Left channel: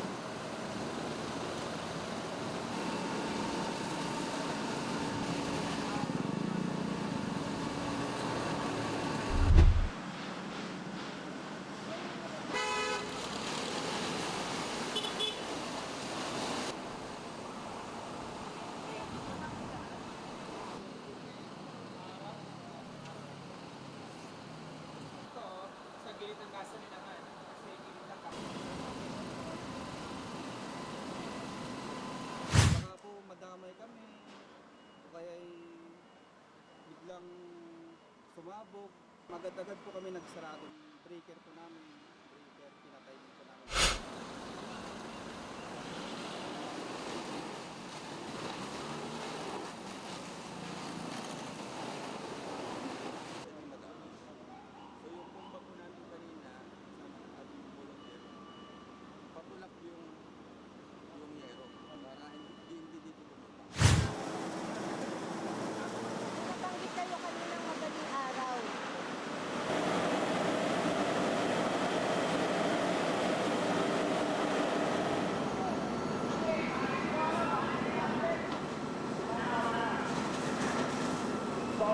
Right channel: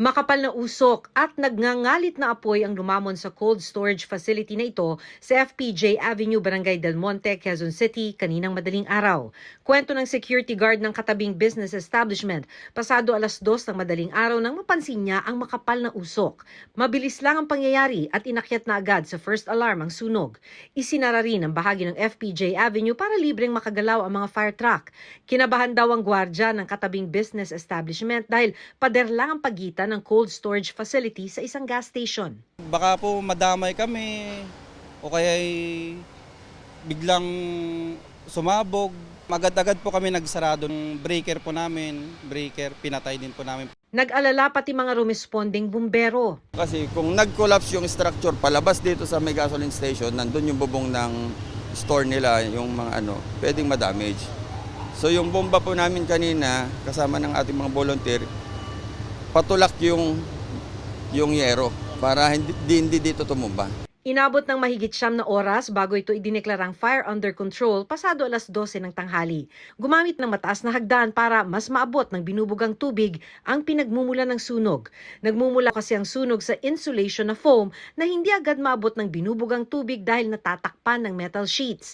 Makapal na usok at nagngangalit na apoy ang lumamon sa cold storage facility na ito sa FPJ Avenue, Barangay Del Monte, Quezon City kaninang madaling araw. Kwento ng security guard ng katabing business establishment, pasado 2:00 ng madaling araw nang mapansin niya ang makapal na usok. Mabilis lang ang pangyayari at inakyat na agad sa first alarm ang sunog. Isinara rin ang bahagi ng FPJ Avenue para libreng makagalaw ang mga fire truck. Kinabahan daw ang gwardya ng katabing business establishment dahil pader lang ang pagitan ng cold storage facility sa isang gas station. Baka po madamay kami o kaya biglang sumabog. Agad-agad po kami nagsarado ng breaker po namin, pinatay din po namin. Nag-alala pati mga rumesponding bumbero. Kasi kung nag-collapse yung structure palabas dito sa may gasoline station, nandun yung bubong ng store nila, yung mga pwedeng ma-damage. So yung bomba po namin kanina, kasama ng ating mga volunteer, patulak yung yero para hindi dito tumumba. Inabot ng mahigit 9 na oras bago ito idineklarang fire under control pasado 12:00 ng tanghali. Gumamit ng mataas na hagdan para mas maabot ng binubugang tubig ang pinagmumula ng sunog. Nagmumula kasi ang sunog sa insulation na foam na hindi agad maabot ng binubugang tubig dahil natatakpan ng metal sheets.